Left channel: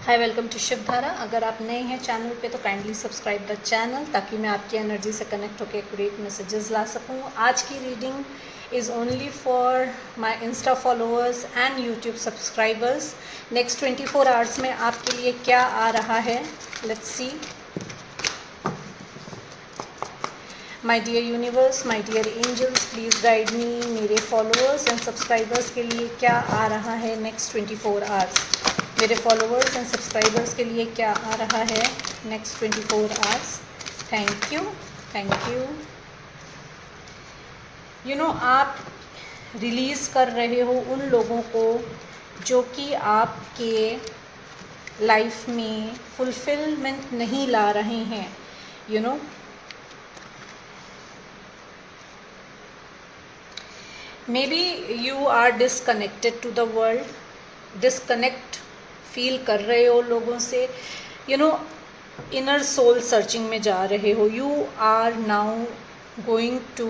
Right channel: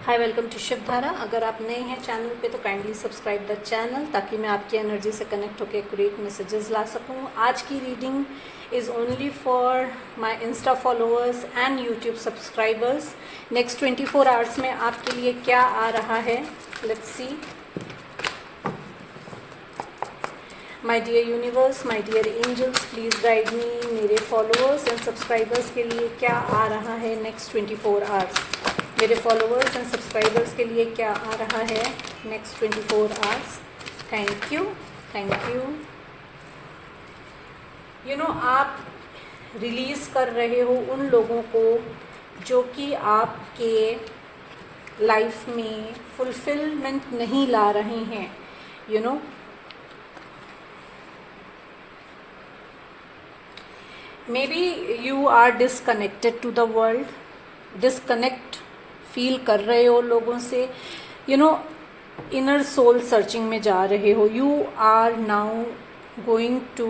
Hi, welcome to Shivdhara. अगर आप नए हैं चैनल पे तो काइंडली सब्सक्राइब द चैनल ताकि मैं आपकी एनर्जी से कनेक्ट होकर एक्यूरेट मैसेजेस ला सकूं। आज की reading is only for my insta followers and YouTube subscribers. Next 24 hours में आपके लिए क्या आ रहा है, let's see. My dear universe, my dear angels, please guide me. मेरे फॉलोअर्स एंड सब्सक्राइबर्स के लिए क्या आ रहा है नेक्स्ट 24 आवर्स। मेरे फॉलोअर्स एंड सब्सक्राइबर्स के लिए क्या आ रहा है next 24 hours. Thank you, thank you. You no, आप रिलीज़ कर रहे हो उन लोगों को जो कि आपके लाइफ में फुलफिलमेंट नहीं ला रहे हैं। You know, maybe you are disconnected to the world, disconnect feel कर रहे हो लोगों से। You know, inner soul searching में जा रहे हो। You are now going to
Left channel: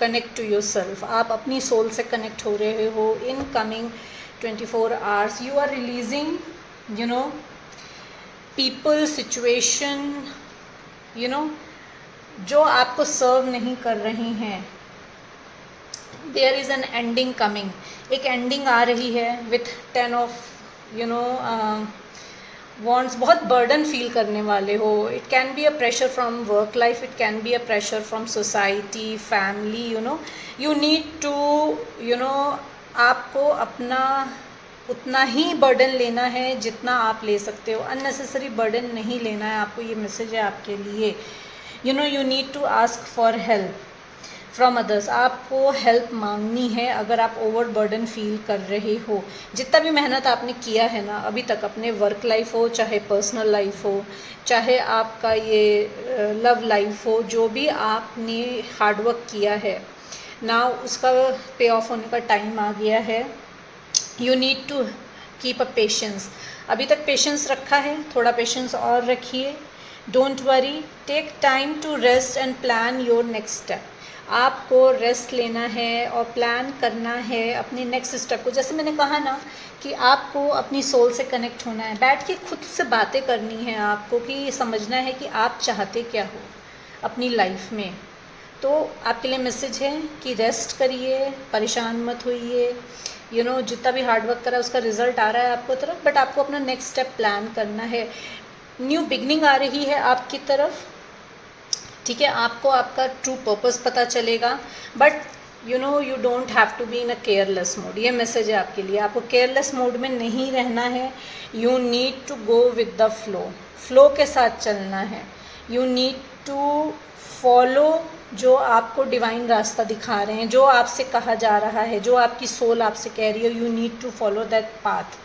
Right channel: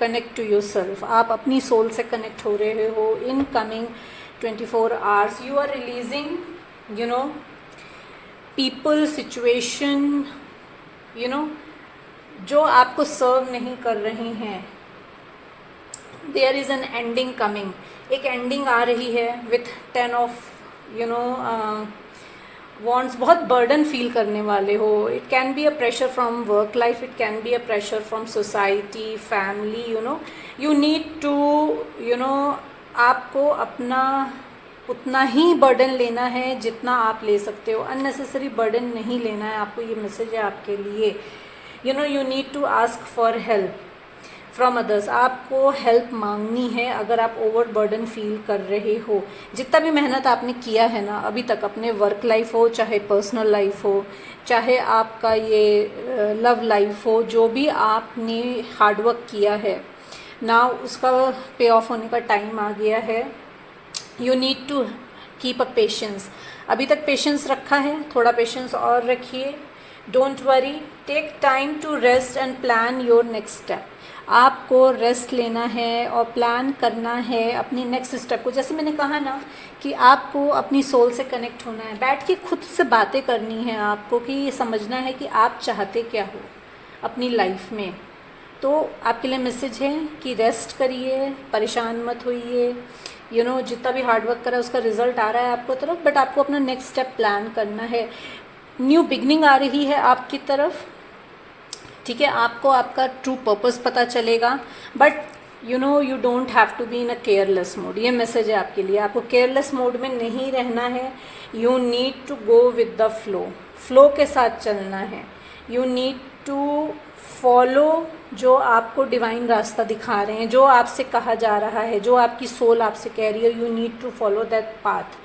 connect to yourself. आप अपनी सोल से कनेक्ट हो रहे हो in coming 24 hours. You are releasing you know people, situation, you know, जो आपको सर्व नहीं कर रहे हैं। There is an ending coming. एक एंडिंग आ रही है विथ 10 ऑफ वॉन्ट्स। बहुत बर्डन फील करने वाले हो। It can be a pressure from work life, it can be a pressure from society, family. You need to आपको अपना उतना ही बर्डन लेना है जितना आप ले सकते हो। अननेसेसरी बर्डन नहीं लेना है आपको। ये मैसेज है आपके लिए। You need to ask for help from others. आपको हेल्प मांगनी है अगर आप ओवर बर्डन फील कर रहे हो। जितना भी मेहनत आपने किया है ना अभी तक, अपने वर्क लाइफ हो, चाहे पर्सनल लाइफ हो, चाहे आपका ये लव लाइफ हो, जो भी आपने हार्डवर्क किया है ना, उसका पे ऑफ होने का टाइम आ गया है। You need to keep a patience. अभी तक पेशेंस रखा है, थोड़ा पेशेंस और रखिए। Don't worry, take time to rest and plan your next step. आपको रेस्ट लेना है और प्लान करना है अपनी नेक्स्ट स्टेप को। जैसे मैंने कहा ना कि आपको अपनी सोल से कनेक्ट होना है, बैठ के खुद से बातें करनी है आपको, कि समझना है कि आप चाहते क्या हो अपनी लाइफ में। तो आपके लिए मैसेज है कि रेस्ट करिए, परेशान मत होइए। जितना भी हार्डवर्क करा उसका रिजल्ट आ रहा है आपको तरफ, बट आपको अपना नेक्स्ट स्टेप प्लान करना है। न्यू बिगनिंग आ रही है आपकी तरफ, ठीक है। आपको आपका ट्रू पर्पस पता चलेगा, but you don't have to be in a careless mode. ये मैसेज है आपके लिए। आपको केयरलेस मोड में नहीं रहना है। You need to go with the flow के साथ चलना है। यू नीड टू फॉलो जो आपको डिवाइन रास्ता दिखा रहे हैं, जो आपसे कहा जा रहा है, जो आपकी सोल आपसे कह रही है। You need to follow that path.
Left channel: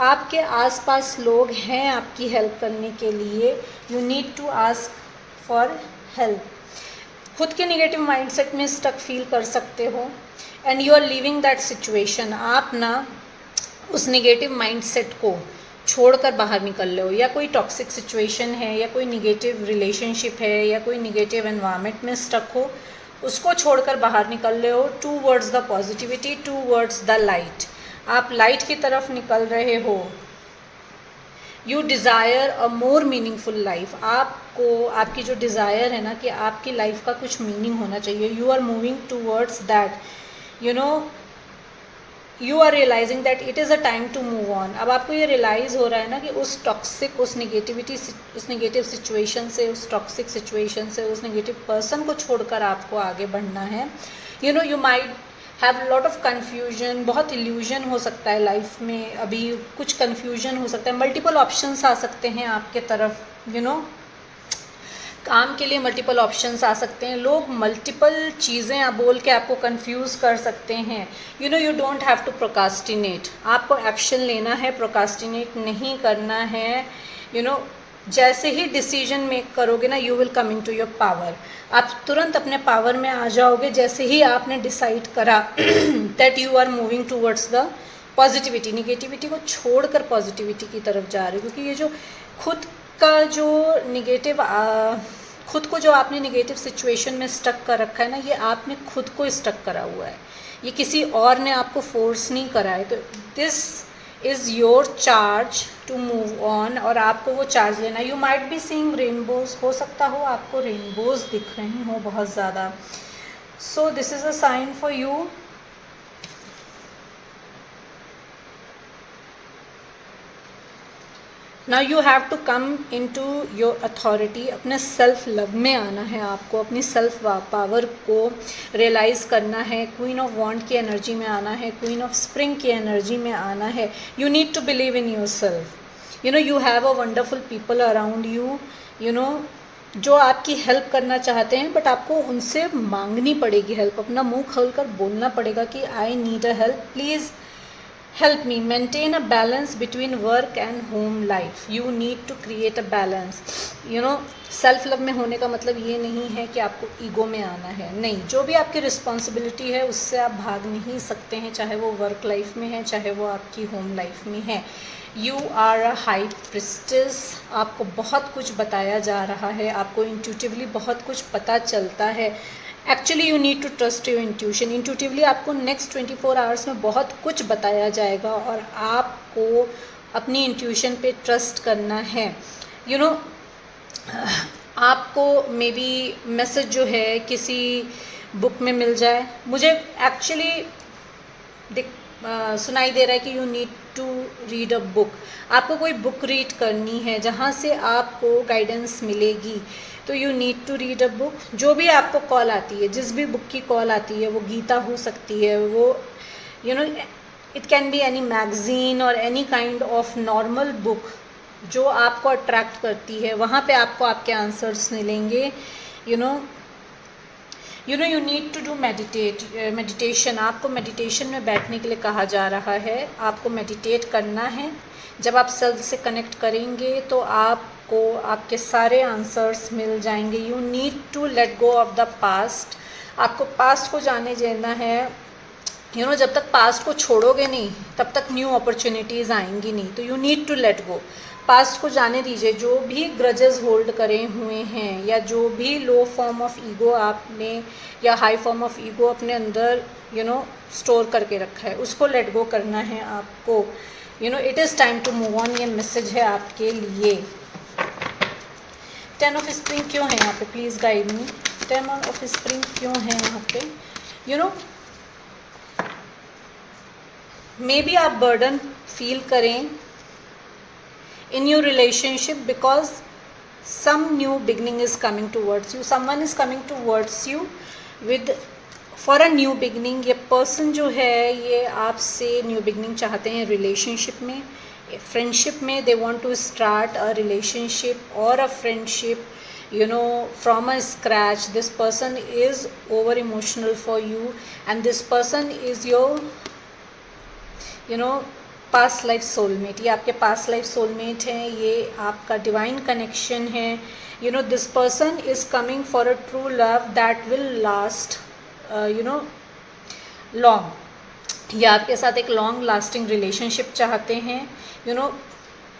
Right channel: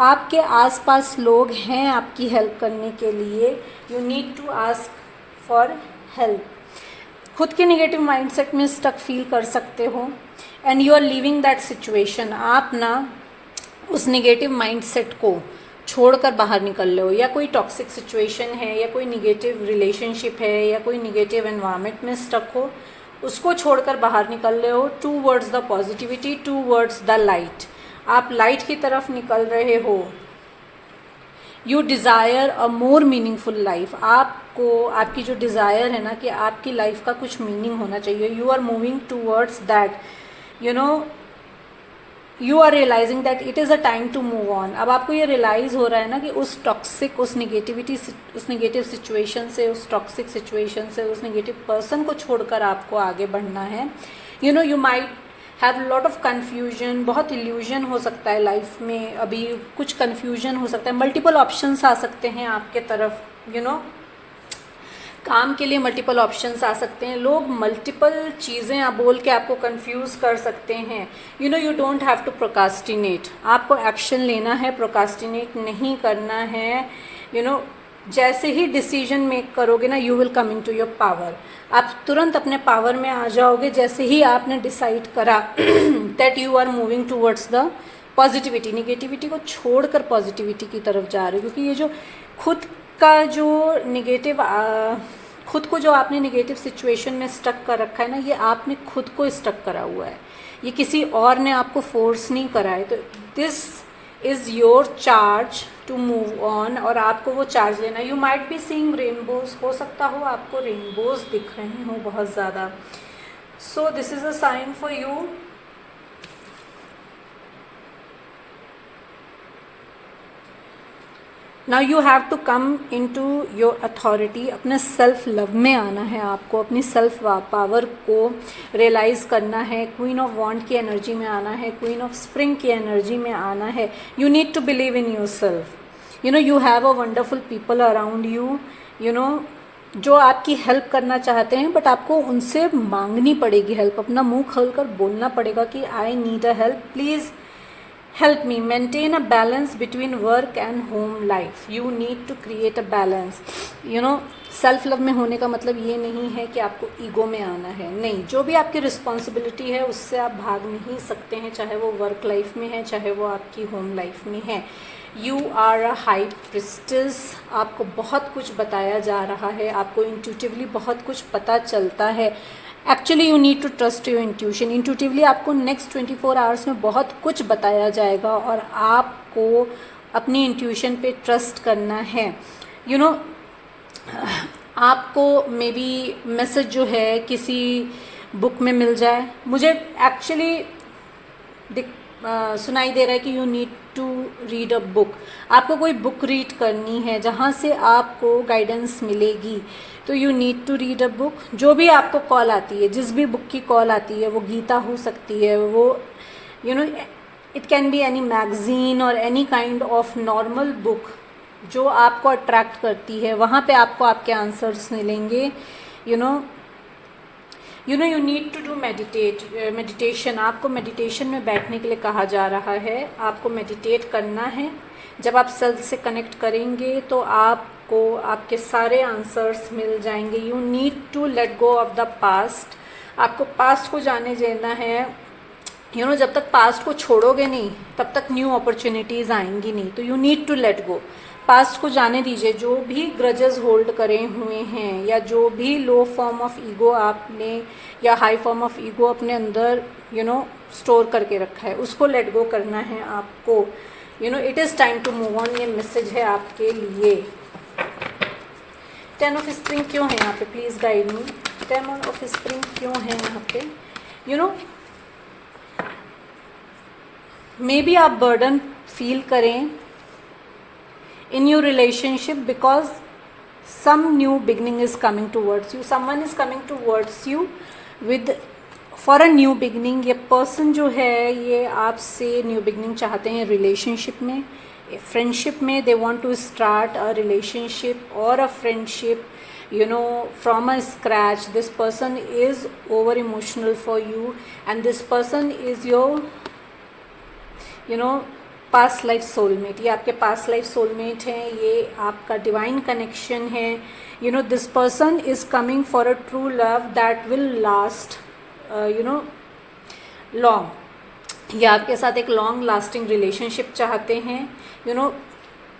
आपके आसपास लोग हैं आपकी हेल्प करने के लिए। You need to ask for help. खुद के नेगेटिव माइंडसेट में स्टक फील कर सकते हो and you are living that situation. आप ना उस नेगेटिव माइंडसेट को छोड़कर बाहर निकल रहे हो, या कोई टॉक्सिक सिचुएशन है, या कोई नेगेटिव रिलेशनशिप है, या कोई नेगेटिव एनवायरनमेंट में स्टक हो, उसको छोड़कर बाहर निकल रहे हो towards the positivity, towards the light. आप लाइट की तरफ निकल रहे हो। You desire a more meaningful life. आपको आपकी जो डिज़ायर है ना कि आपकी लाइफ का कुछ मीनिंग होना चाहिए, you are moving towards that. You are realising that it is a time to move on. अब आपको ये रियलाइज़ हो रहा है ना कि उस टॉक्सिक, उस नेगेटिव सिचुएशन से, उस टॉक्सिक सिचुएशन से, उस नेगेटिव पर्सन को छोड़कर आपको आगे बढ़ना है। You might have lot of confusion. बहुत इल्यूजन हो सकता है लाइफ में, अभी कुछ कन्फ्यूजन हो सकता है, मल्टीपल ऑप्शंस आ सकते हैं आपके तरफ। काम के लिए मल्टीपल ऑप्शंस आ सकते हैं। लोग मल्टीपल चीज़ें आप बोल के आपको कंफ्यूज कर सकते हैं। You don't have to procrastinate. आपको एक्शन लेना है, प्रोकास्टिनेट नहीं करना है। जैसे ही डिसीजन मेक करोगे ना, you will come into your power. आप तुरंत अपने पावर में आ जाओगे जैसे ही आपने डिसाइड करा that you are moving towards the positivity. Negativity को छोड़कर पॉजिटिविटी की तरफ जा रहे हो, क्योंकि ये जो खुद का जो नेगेटिव खुद को जो आपने नेगेटिव सिचुएशन में स्टक कर रखा है ना, ये आपने खुद को स्टक करा हुआ है। ये किसी और ने आपको फोर्स नहीं करा है। तो this is your charge to move on, और आपको वो चार्ज लेना। You might be seeing rainbows, हो सकता हो आपको रेनबोज दिख रहे हो बहुत ज़्यादा। So this is a sign for you. Now you have to come into your authority. अपने सेल्फ लव में आना है आपको, अपनी सेल्फ पावर को रियलाइज़ करना है। क्वीन ऑफ वॉन्ड की एनर्जी में आना है, क्वीन ऑफ स्प्रिंग की एनर्जी में आना है। You need to believe in yourself. You know you have a wonderful people around you, you know जो आपकी हेल्प करना चाहते हैं, बट आपको उनसे मांगनी पड़ेगी हेल्प। अपना मुंह खोलकर बोलना पड़ेगा कि I need a help, please help me maintain a balance between work and home life. You need to create a balance. You know, self love में होने का मतलब ये नहीं है कि आपको ईगो में आना है, नहीं। जो भी आपकी रिस्पॉन्सिबिलिटी है उससे आप भाग नहीं सकते हैं, चाहे वो वर्क लाइफ में है, चाहे वो आपकी होम लाइफ में है। You are a high priestess. आपको बहुत कुछ बताया जा रहा है, आपको इंट्यूटिवली बहुत कुछ पता चलता है। Actually you need to trust your intuition. Intuitively आपको नेक्स्ट 24 आवर्स में बहुत कुछ बताया जाएगा और आपको अपनी इंट्यूशन पे ट्रस्ट करना है। यू नो आपको मे बी मैसेज जो है किसी बुक में मिल जाए। मुझे एक्चुअली सुनाई दे रहा है कि you need to read a book. आपको कोई बुक रीड करनी है जहाँ से आपको गाइडेंस मिलेगी, तो you need to read a book. जो भी आपको कॉल आती है, जिस भी बुक की कॉल आती है, वो गीता हो सकती है, वो you know it can be any magazine और any kind of normal book जो आपको अट्रैक्ट करती है, वहाँ पे आपको आपके आंसर्स मिलेंगे। You need to do meditation. आपको मेडिटेशन में बैठने के लिए कहा जा रहा है, आपको मेडिटेट करना है। जब आप सेल्फ से कनेक्ट करेंगे तो आपको आपके सारे आंसर्स मिल जाएंगे। You need to let go of the past. आपको पास्ट को जाने देना है। जब तक पास्ट को छोड़ोगे नहीं तब तक न्यू अपॉर्चुनिटीज़ आएंगी नहीं। तो you need to let go, past को जाने दीजिए। जो भी ग्रजेस होल्ड करे हुए हैं या जो भी लो फॉर्म ऑफ ईगो आपने या हाई फॉर्म ऑफ ईगो अपने अंदर स्टोर करके रखा है, उसको लेट गो करना है आपको। It is time to move on. ये मैसेज है आपके लिए। 10 ऑफ स्प्रिंग क्यों है यहाँ पे? Please guide me. 10 of spring क्यों है यहाँ पे? मे बी आप बर्डन फील करें in your relationship because some new beginning is coming towards you. Someone is coming towards you with for a new beginning. ये person जो है ये आपसे new beginning चाहते हैं relationship में, friendship में। they want to start a relationship or a friendship from a scratch. This person is over emotional for you and this person is your past life soulmate. ये आपके past life soulmate हैं, ये आपका divine connection है। This person is coming for a true love that will last long. ये आपके साथ एक लॉन्ग लास्टिंग रिलेशनशिप चाहते हैं।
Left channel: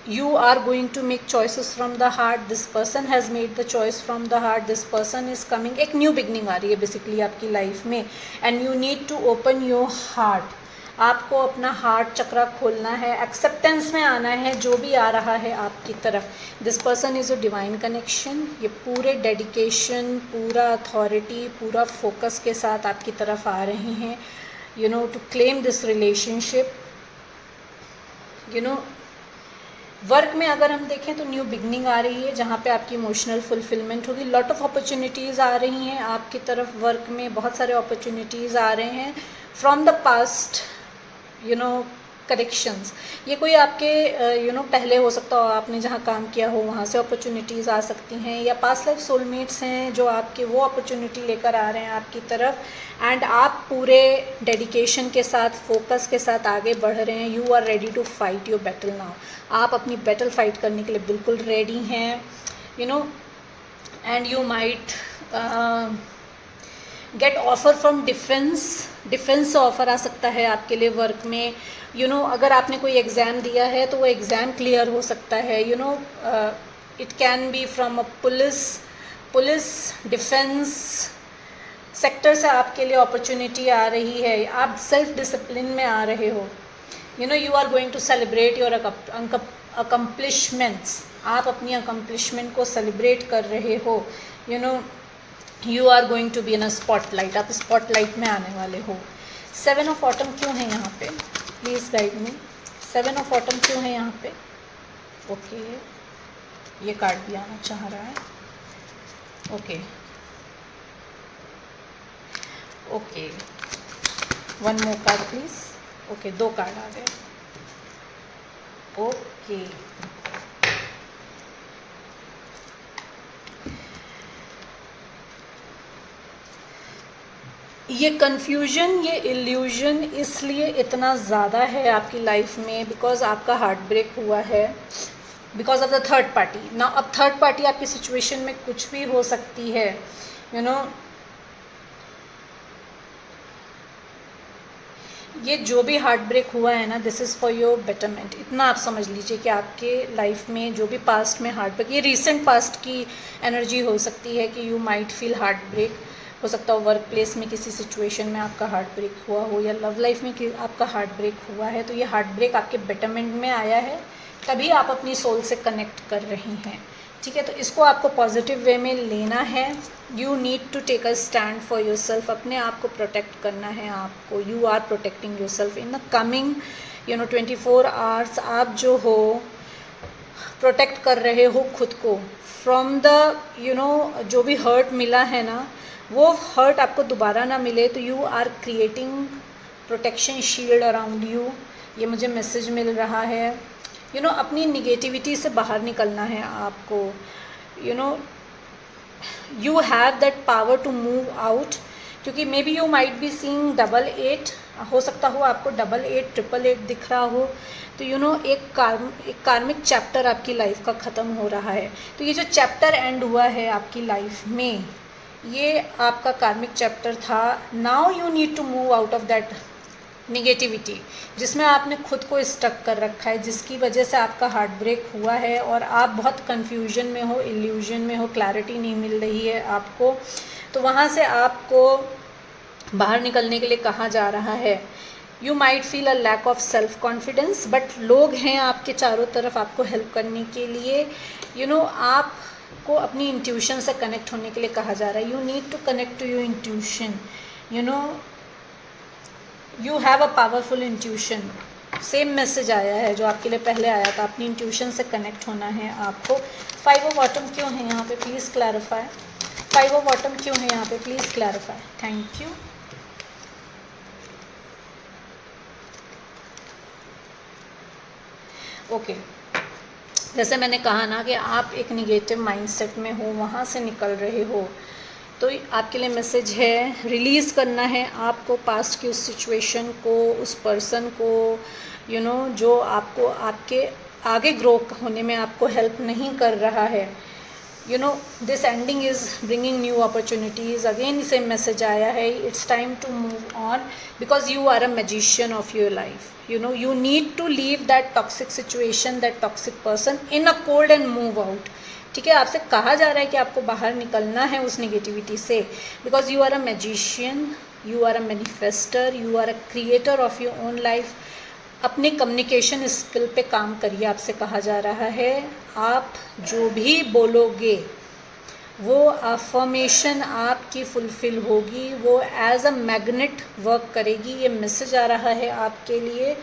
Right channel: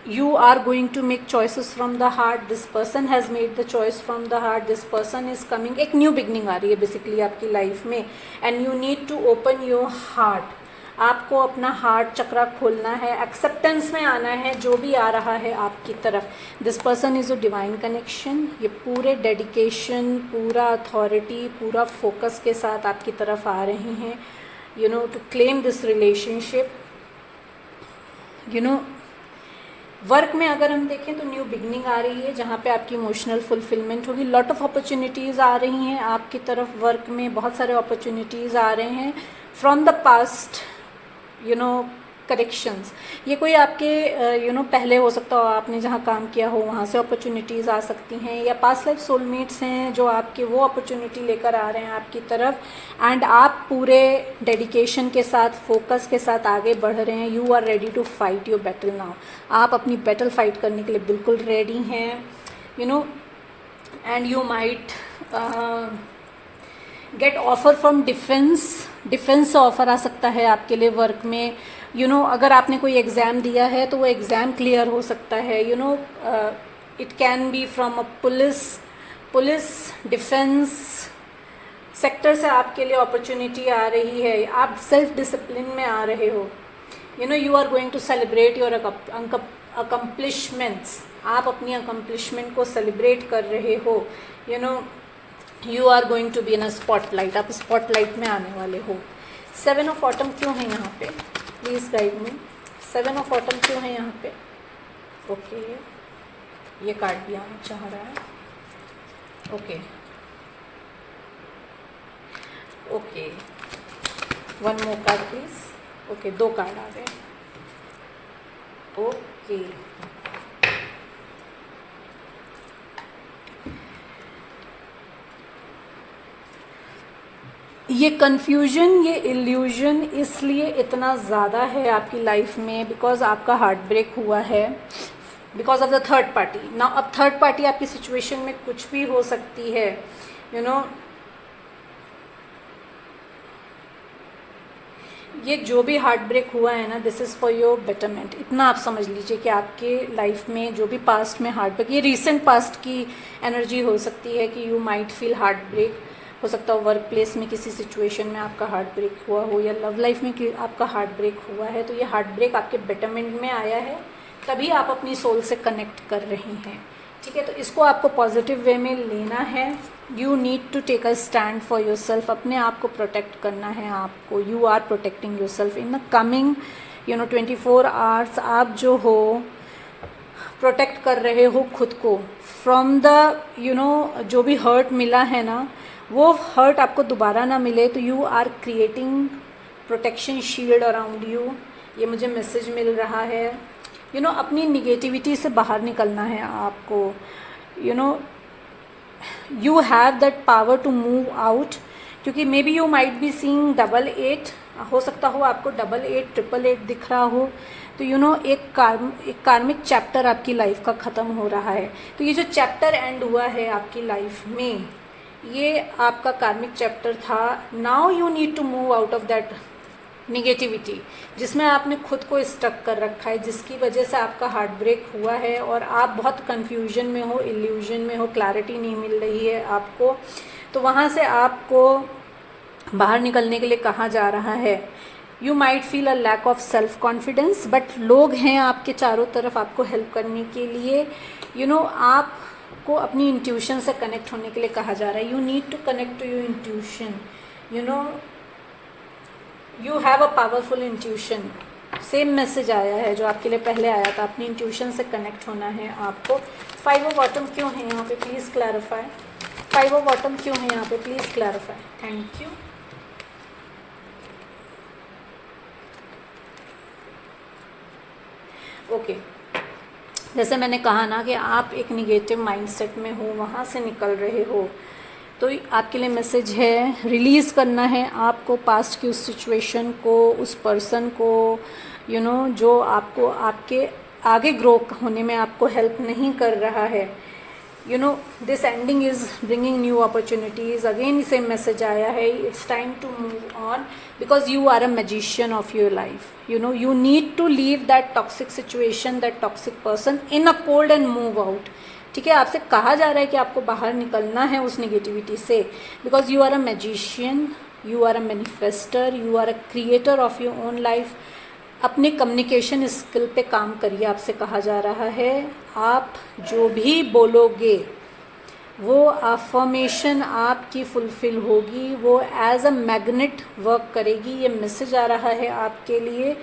You are going to make choices from the heart. This person has made the choice from the heart. This person is coming. एक new beginning आ रही है बेसिकली आपकी लाइफ में and you need to open your heart. आपको अपना heart चक्रा खोलना है, एक्सेप्टेंस में आना है जो भी आ रहा है आपकी तरफ। This person is a divine connection. ये पूरे डेडिकेशन, पूरा अथॉरिटी, पूरा फोकस के साथ आपकी तरफ आ रहे हैं to claim this relationship. Work में अगर हम देखें तो न्यू बिगनिंग आ रही है जहाँ पे आपकी इमोशनल फुलफिलमेंट होगी। लॉट ऑफ अपॉर्चुनिटीज़ आ रही हैं आपकी तरफ। वर्क में बहुत सारे अपॉर्चुनिटीज़ आ रहे हैं फ्रॉम द पास्ट करेक्शंस। ये कोई आपके पहले हो सकता हो, आपने जहाँ काम किया हो वहाँ से अपॉर्चुनिटीज़ आ सकती हैं, या पास्ट लाइफ सोलमेट्स हैं जो आपके वो अपॉर्चुनिटी लेकर आ रहे हैं आपकी तरफ एंड आप पूरे डेडिकेशन के साथ, फोकस के साथ आगे बढ़ रहे हैं। You are ready to fight your battle now. आप अपनी बैटल फाइट करने के लिए बिल्कुल रेडी हैं and you might get offer from defence offer आ सकता है आपके लिए वर्क में। अगर आपने कोई एग्ज़ाम दिया है तो वो एग्ज़ाम क्लियर हो सकता है। It can B from a police defence sector से आपके लिए अपॉर्चुनिटी आ रही है। आप सेल्फ डिसिप्लिन में आ रहे हो। You know you are going to celebrate your accomplishments, आप अपनी अकम्पलिशमेंट को सेलिब्रेट कर रहे हो। You know you are going to be in a spotlight, आप स्पॉटलाइट में आने वाले हो। 7 ऑफ ऑटम क्यों है यहाँ पे, please guide me. 7 of autumn क्यों है यहाँ पे? ओके ये कार्ड भी आना चाह रहा है। Okay okay, one more card please. Okay 2 card आ गए। ओके ये कन्फ्यूजन, ये इल्यूजन इसलिए इतना ज़्यादा है आपकी लाइफ में बिकॉज आपका हार्ट ब्रेक हुआ है because of the third party. ना अब थर्ड पार्टी आपकी सिचुएशन में कुछ भी हो सकती है। यू नो ये जो भी हार्ट ब्रेक हुआ है ना, this is for your betterment. इतना आप समझ लीजिए कि आपके लाइफ में जो भी पास्ट में हार्ट ब्रेक, ये रीसेंट पास्ट की एनर्जी हो सकती है कि you might feel heartbreak. हो सकता हो वर्क प्लेस में किसी सिचुएशन में आपका हार्ट ब्रेक हुआ हो, या लव लाइफ में कि आपका हार्ट ब्रेक हुआ है। तो ये हार्ट ब्रेक आपके बेटरमेंट में आया है, तभी आप अपनी सोल से कनेक्ट कर रही हैं। ठीक है, तो इसको आपको पॉजिटिव वे में लेना है। You need to take a stand for yourself, अपने आप को प्रोटेक्ट करना है आपको। You are protecting yourself in the coming 24 hours. आप जो हो प्रोटेक्ट कर रहे हो खुद को फ्रॉम द जो भी हर्ट मिला है ना, वो हर्ट आपको दोबारा ना मिले। तो you are creating protection shield around you, ये मुझे मैसेज मिल रहा है। अपनी निगेटिविटी से बाहर निकलना है आपको। You have that power to move out, क्योंकि maybe you might be seeing 88, हो सकता हो आपको 88, 888 दिख रहा हो। तो एक कार्मिक चैप्टर आपकी लाइफ का ख़त्म हो रहा है। तो ये जो चैप्टर एंड हुआ है आपकी लाइफ में, ये आपका कार्मिक चैप्टर था। Now you need to move out of that negativity जिसमें आपने खुद को स्टक कर रखा है, जिसकी वजह से आपका हार्ट ब्रेक हुआ है और आप बहुत कंफ्यूजन में हो, इल्यूजन में हो, क्लैरिटी नहीं मिल रही है आपको। तो वहाँ से आपको बाहर निकलने के लिए कहा जा रहा है। You might feel a lack of self confidence, but लोग हैं आपके चारों तरफ आपको हेल्प करने के लिए। आपको अपनी इंट्यूशन से कनेक्ट होने के लिए कहा जा रहा है। You need to connect to your intuition. You have a powerful intuition. Same message आया है जो आपके लिए पहले आया था, अपनी इंट्यूशन से कनेक्ट होना है आपको। 5 ऑफ ऑटम क्यों है यहाँ पे, प्लीज़ क्लैरिफाई। 5 ऑफ ऑटम क्यों है यहाँ पे, please clarify. Thank you. Okay, जैसे मैंने कहा ना कि आप एक निगेटिव माइंडसेट में हो, वहाँ से निकल रहे हो। तो आपके लिए मैसेज है, रिलीज़ करना है आपको पास्ट की उस सिचुएशन को, उस पर्सन को, जो आपको आपके आगे ग्रो होने में आपको हेल्प नहीं कर रहा है। This ending is bringing new opportunities. Again same message आया है, it's time to move on because you are a magician of your life. you need to leave that toxic situation, that toxic person in a cold and move out। ठीक है, आपसे कहा जा रहा है कि आपको बाहर निकलना है उस नेगेटिविटी से, because you are a magician, you are a manifester, you are a creator of your own life. अपने कम्युनिकेशन स्किल पे काम करिए, आपसे कहा जा रहा है। आप जो भी बोलोगे वो अफर्मेशन आपकी फुलफिल होगी, वो एज अ मैग्नेट वर्क करेगी। ये मैसेज आ रहा है आपके लिए।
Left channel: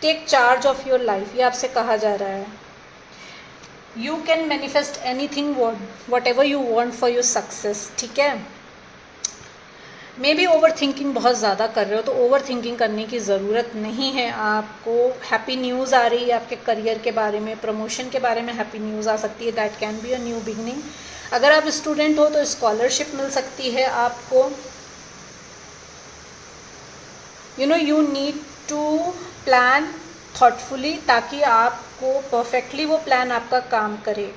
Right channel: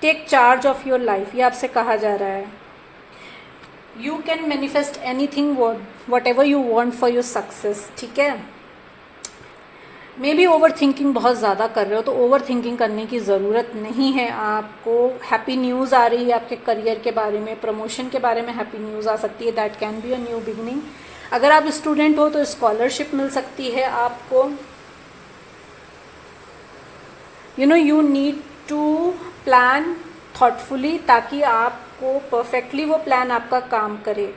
Take charge of your life, ये आपसे कहा जा रहा है। You can manifest anything whatever you want for your success. ठीक है, मे बी ओवर थिंकिंग बहुत ज़्यादा कर रहे हो, तो ओवर थिंकिंग करने की ज़रूरत नहीं है आपको। हैप्पी न्यूज़ आ रही है आपके करियर के बारे में, प्रमोशन के बारे में हैप्पी न्यूज़ आ सकती है। That can be a new beginning. अगर आप स्टूडेंट हो तो स्कॉलरशिप मिल सकती है आपको। You need to plan thoughtfully, ताकि आपको परफेक्टली वो प्लान आपका काम करे।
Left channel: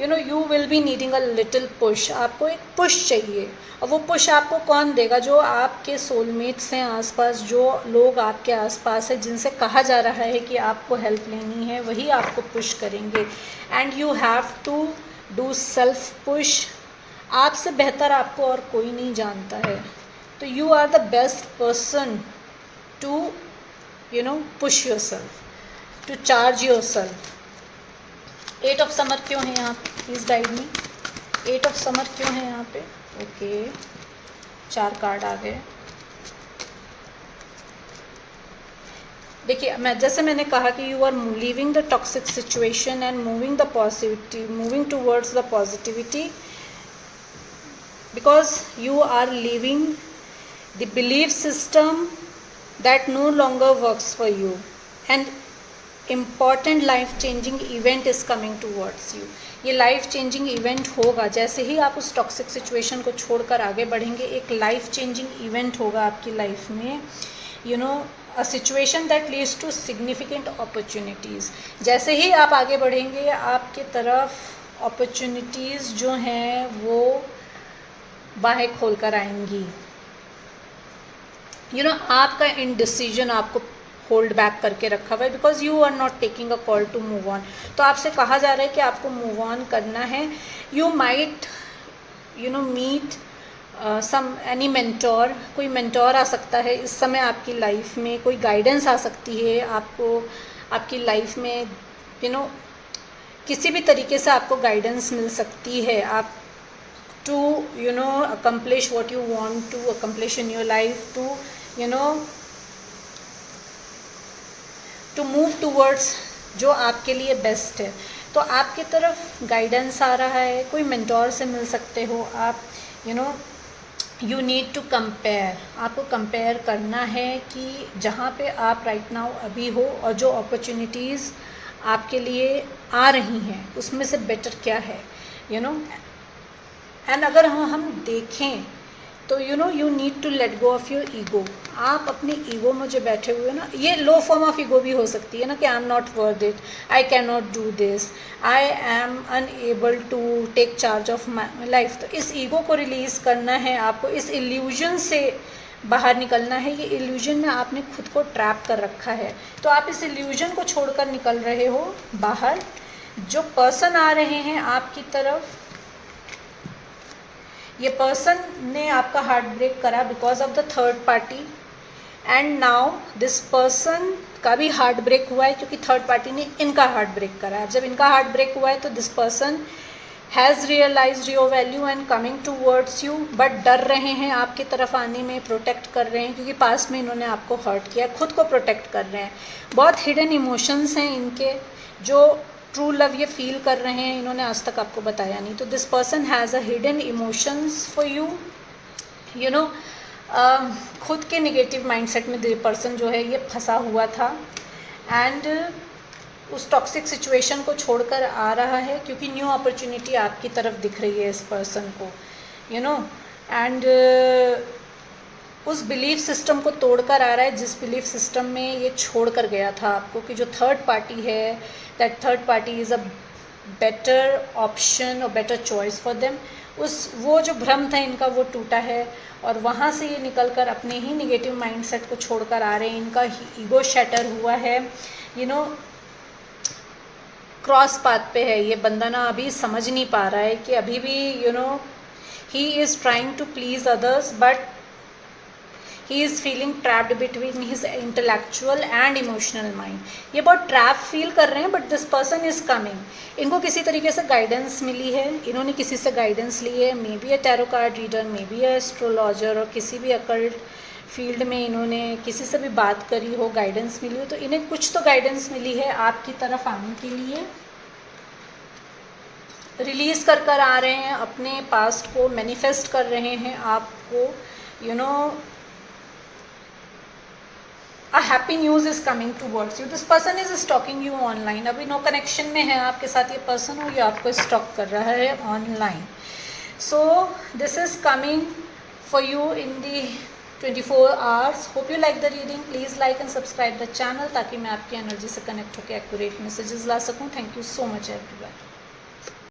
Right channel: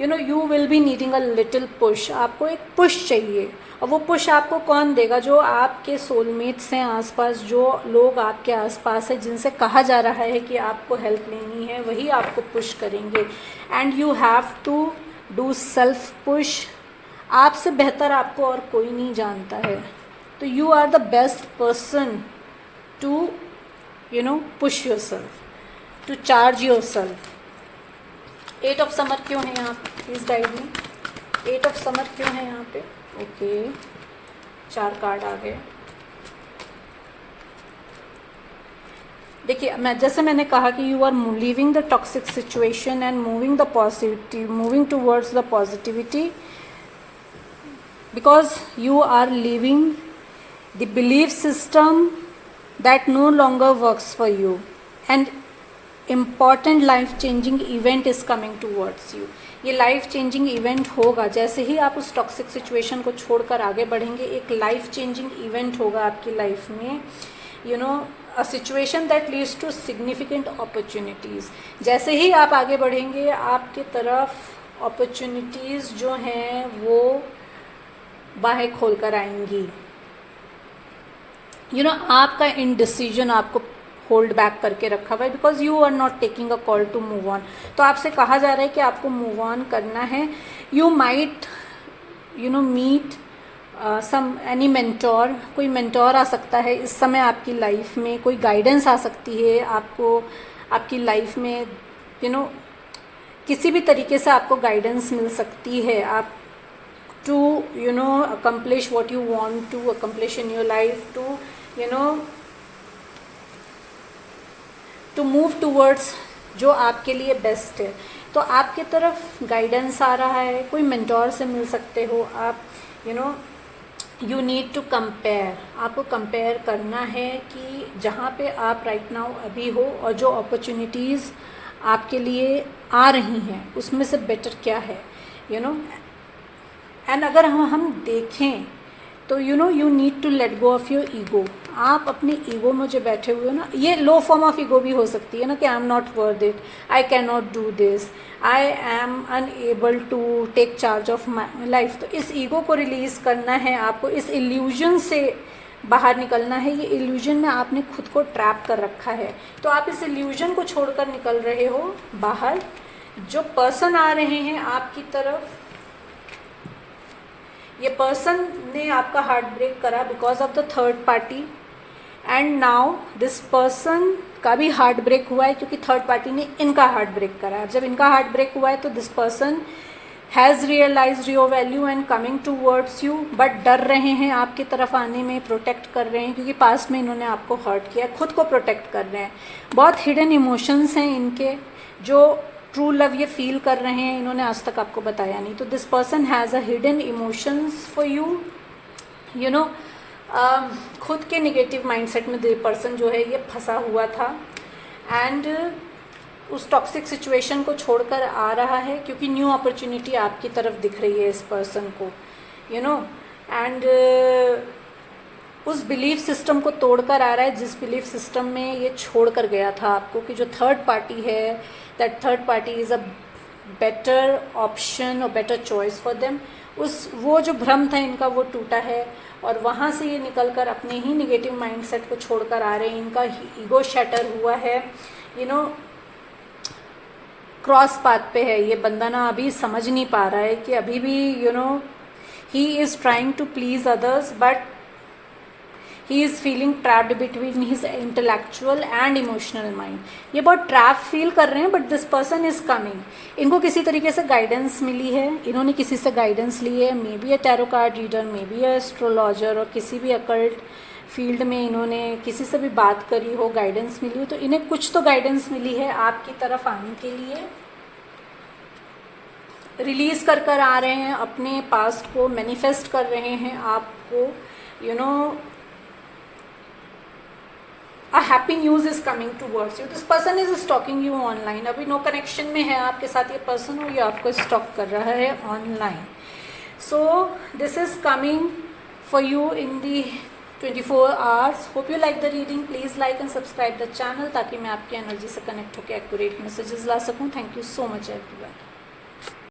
You will be needing a little push, आपको एक पुश चाहिए। और वो पुश आपको कौन देगा? जो आपके सोलमेट्स हैं आसपास, जो लोग आपके आसपास हैं जिनसे कहा जा रहा है कि आपको हेल्प लेनी है, वही आपको पुश करेंगे। And you have to do self push. आपसे बेहतर आपको और कोई नहीं जानता है। तो you are the best person to push yourself, to charge yourself. 8 of summer क्यों है यहाँ पे, प्लीज़ गाइड में। 8 ऑफ समर क्यों है यहाँ पे? ओके, 4 कार्ड आ गए। देखिए, मैंने कहा कि you are leaving the toxic situation and moving the positive, moving towards the positivity, because you are leaving the belief system that no longer works for you, and important life changing event is coming towards you. ये life changing event होगा जैसे ही आप उस toxic situation को छोड़कर आगे बढ़ेंगे। एक लाइफ चेंजिंग इवेंट होगा आपकी लाइफ में, a situation that leads to significant opportunities. जैसे ही आप आगे बढ़ेंगे आपके तरफ अपॉर्चुनिटीज़ जो हैं वो बाहें खोल कर आएंगी। आपका इनडिसीजन आपको होल्ड बैक करके रखा हुआ है, because you are not taking a call to move on. तो आपसे कहा जा रहा है कि आपको मूव ऑन करना है। You might meet any mentor, कोई मेंटोर आ सकता है इस समय आपकी लाइफ में, कोई गाइडेंस आ सकती है आपको आपकी लाइफ में, किसी भी तरीके से आपको गाइडेंस मिल सकती है आप to accomplish what you want to accomplish in your life, to move towards जो आपके लिए बेस्ट है। तो आपके तरफ गाइडेंस आ रहा है, कोई मेंटोर से मिल सकते हो आप। यू नीड टू कंपेयर, आपको कंपेयर करना है कि जहाँ पे आप राइट नाउ अभी हो और जो अपॉर्चुनिटीज़ आपके लिए आ रही हैं उसमें से बेटर क्या है, एंड अगर हम देखें तो you need to let go of your ego. आप अपने ईगो में जो बैठे हुए हो ना, ये लो फॉर्म ऑफ ईगो भी हो सकती है ना, कि I am not worth it, I can not do this, I am unable to take charge of my life. तो इस ईगो को रिलीज़ करना है आपको, इस इल्यूजन से बाहर निकलना है। ये इल्यूजन में आपने खुद को ट्रैप कर रखा है, तो आप इस इल्यूजन को छोड़कर निकल रहे हो बाहर। जो पर्सन आ रहे हैं आपकी तरफ, ये पर्सन ने आपका हार्ट ब्रेक करा because of the third party, and now this person का भी हार्ट ब्रेक हुआ है क्योंकि थर्ड पार्टी ने इनका हार्ट ब्रेक करा। अब जब इनका हार्ट ब्रेक हुआ है तो this person has realised your value and coming towards you, but डर रहे हैं आपकी तरफ आने में, प्रोटेक्ट कर रहे हैं क्योंकि पास्ट में इन्होंने आपको हर्ट किया, खुद को प्रोटेक्ट कर रहे हैं। बहुत हिडन इमोशंस हैं इनके, जो ट्रू लव ये फील कर रहे हैं, इन्होंने आज तक आपको बताया नहीं। तो this person has a hidden emotions for you, खुद के नेगेटिव माइंडसेट में ये पर्सन जो है ये फंसा हुआ था, एंड उस टॉक्सिक सिचुएशन को छोड़कर आ रहा है क्योंकि न्यू अपॉर्चुनिटी आपकी तरफ दिख रही है इस पर्सन को, एंड उस बिलीफ सिस्टम को तोड़कर आ रहा है जिस बिलीफ सिस्टम में ये छोड़ कर गया था आपको, कि जो थर्ड पार्टी है, that third party is a better option और बेटर चॉइस फॉर देम। वो जो भ्रम था इनका वो टूटा है, और वहाँ से ये निकलकर अपने ही नेगेटिव माइंडसेट को छोड़कर आ रहे हैं। इनका ईगो शैटर हुआ है, क्रॉस पाथ पे है ये बंदा ना, अभी समझ नहीं पा रहा है कि अभी भी he is trying to please others, but he is feeling trapped between his intellectual and emotional mind. ये बहुत ट्रैप फील कर रहे हैं, but this person is coming. इनको किसी तरीके से गाइडेंस मिली है, इन्होंने किसी से गाइडेंस ली है, may be a tarot card reader, may be a astrologer, और किसी भी अकल्ट फील्ड में इन्होंने किसी से भी बात करी हो, गाइडेंस मिली हो, तो इन्हें कुछ तो गाइडेंस मिली है आपकी तरफ आने के लिए। रिलीज़ कर आ रहे हैं अपने पास्ट को, मैनिफेस्ट कर रहे हैं आपको, a happy news is coming towards you. This person is stalking you online. अभी नो कनेक्शन में है आपके साथ ये पर्सन, और ये आपको स्टॉक कर रहा है online. So this is coming for you in the 24 hours. Hope you like the reading. Please like and subscribe the channel ताकि मैं आपकी एनर्जी से कनेक्ट होकर एक्यूरेट मैसेजेस ला सकूँ। Thank you so much everyone.